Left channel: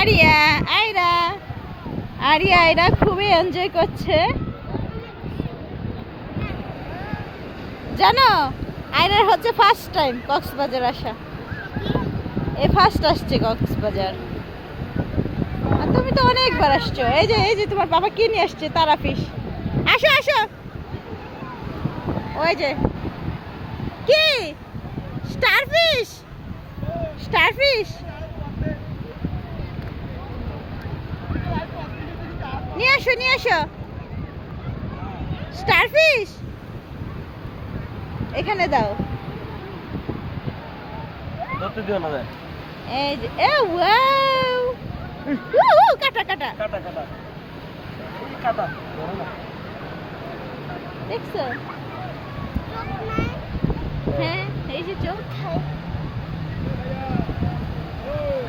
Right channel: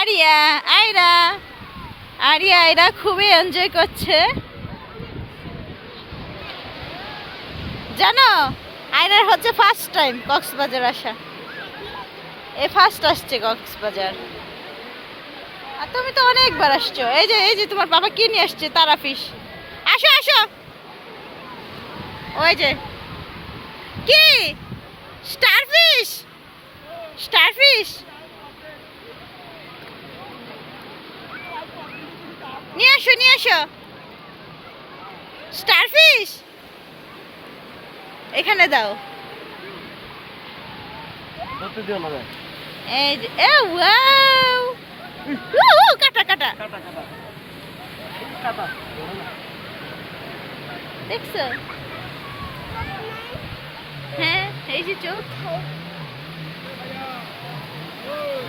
Area, Ayra. Area, Ayra খুবই enjoy করছে। জানো, আয়রার হচ্ছে ফার্স্ট টাইম কক্সবাজার আসা। এ ফার্স্ট আসছে কক্সবাজার। আর তুমি তো অনেকবার আসছো। এই যে এই যে তোমার বাবা কি নিয়ে আসছে? তারা ফিশ আসো আসো। ওই যে। কি? স্টারফিশ স্টারফিশ নিয়ে আসো নিয়ে আসো। স্টারফিশ? এখানে দাও। ধরতে দিও না এই যে এ ওয়াও! কাটা কাটা। কাটা কাটা। কাটা ধরো না। দেখছ? হ্যাঁ এই যে চোখ।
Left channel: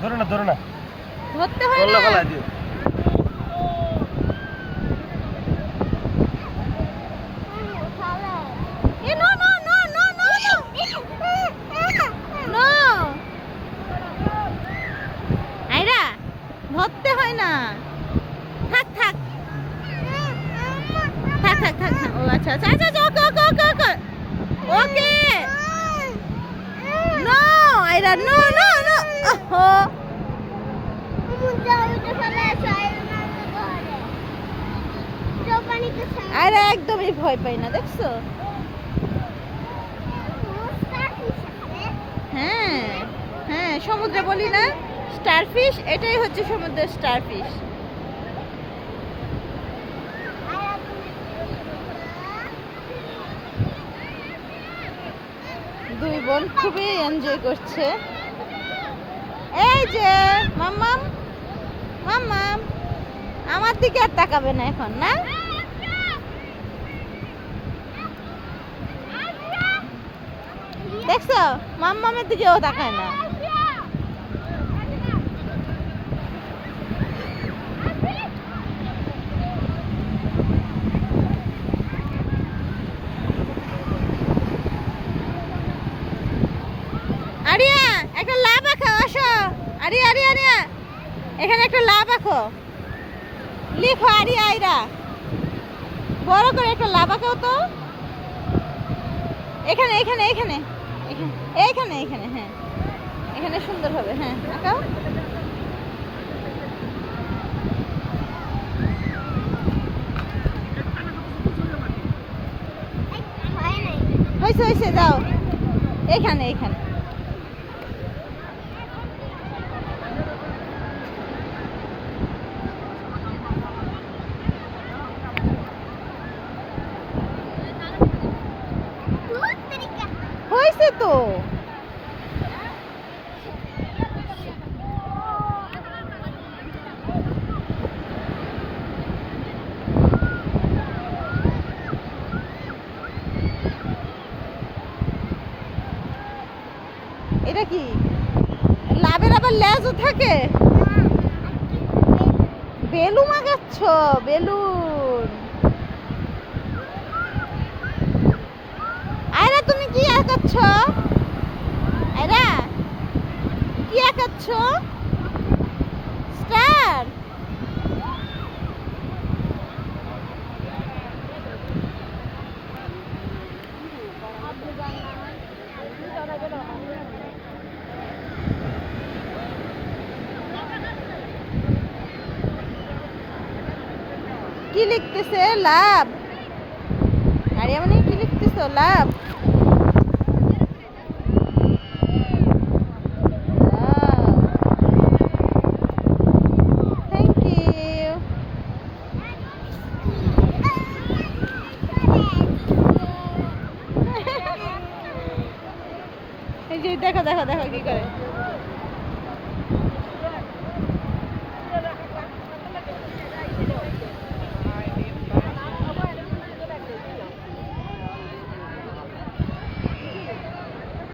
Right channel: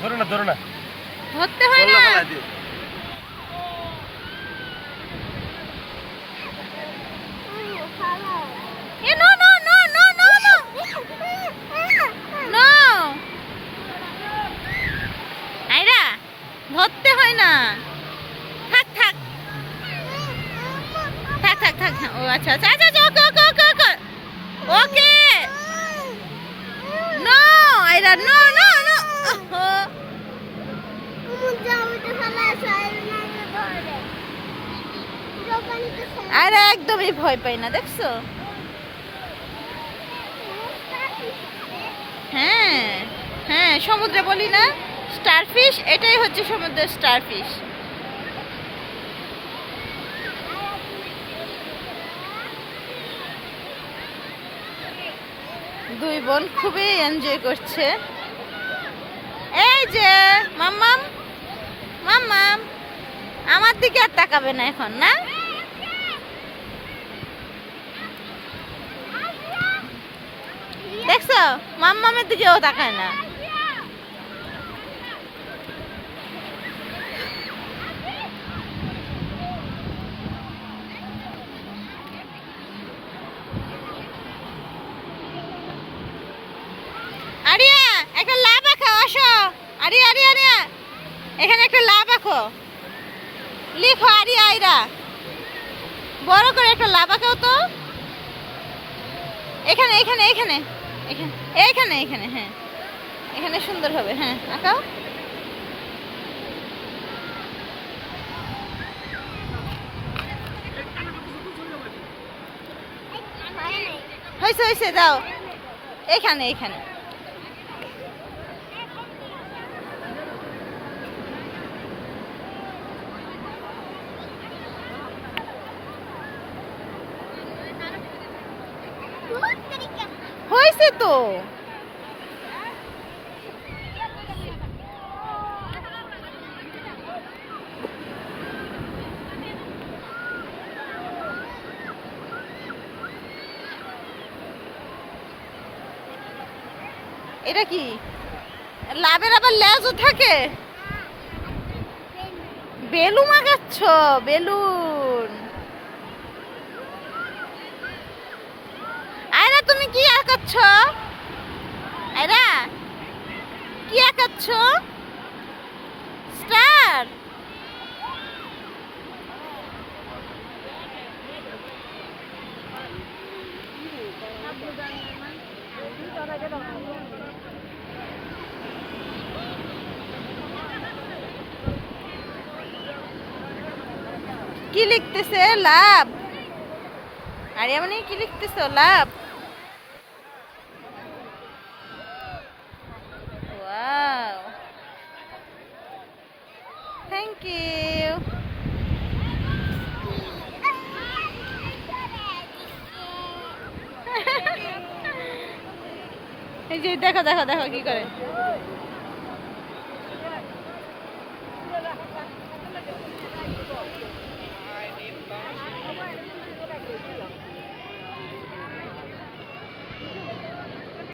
ধরো না ধরো না। ধরতে হয় না ফেলাই দিও এ no no no no no no no আইরা ধরতে হয় না থাক থাক থাক থাক থাক থাক। ও আচ্ছা আচ্ছা আচ্ছা আচ্ছা, okay okay okay okay. Okay. No আইরা no no no ওহো। আরে একদমই ভয় পাই না দেখছ? হ্যাঁ হ্যাঁ সমুদ্রে বলি না। স্টারফিশ এটাই হচ্ছে সমুদ্রের স্টারফিশ। দুই বোন খুবই এনজয় করছে। এই যে, মাম্মাম মাম্মাম, আমার দিকে আর তাকাবে না এখন, না? দেখছ? মাম্মামের দিকেও তাকায় না আরিয়া একটা লাভ আঁকো আসো। আরিয়া আরিয়া আরিয়া এখানে একটা লাভ আঁকো লিখো আরিয়া আইরা। বড় করে একটা লাভ আঁকাও তো। এখানে এখানে এখানে। এখানে এইখানে এখানে হ্যাঁ। এখানে সুন্দর হবে হ্যাঁ। আঁকাও হয়েছে হয়েছে, দাও। এখানে এখানে। হয়েছে তো? এটা কি? লাভের আবার লেজও থাকে বেলুন আগাচ্ছ বেলুন আয়রা তুমি কি আঁকাচ্ছ? আয়রা কি আঁকাচ্ছ? স্টার! কি লিখতেছে? লাভ। আরে মানে কি লিখতেছো? লাভ। এই যে দেখো দেখো দেখো কি করে।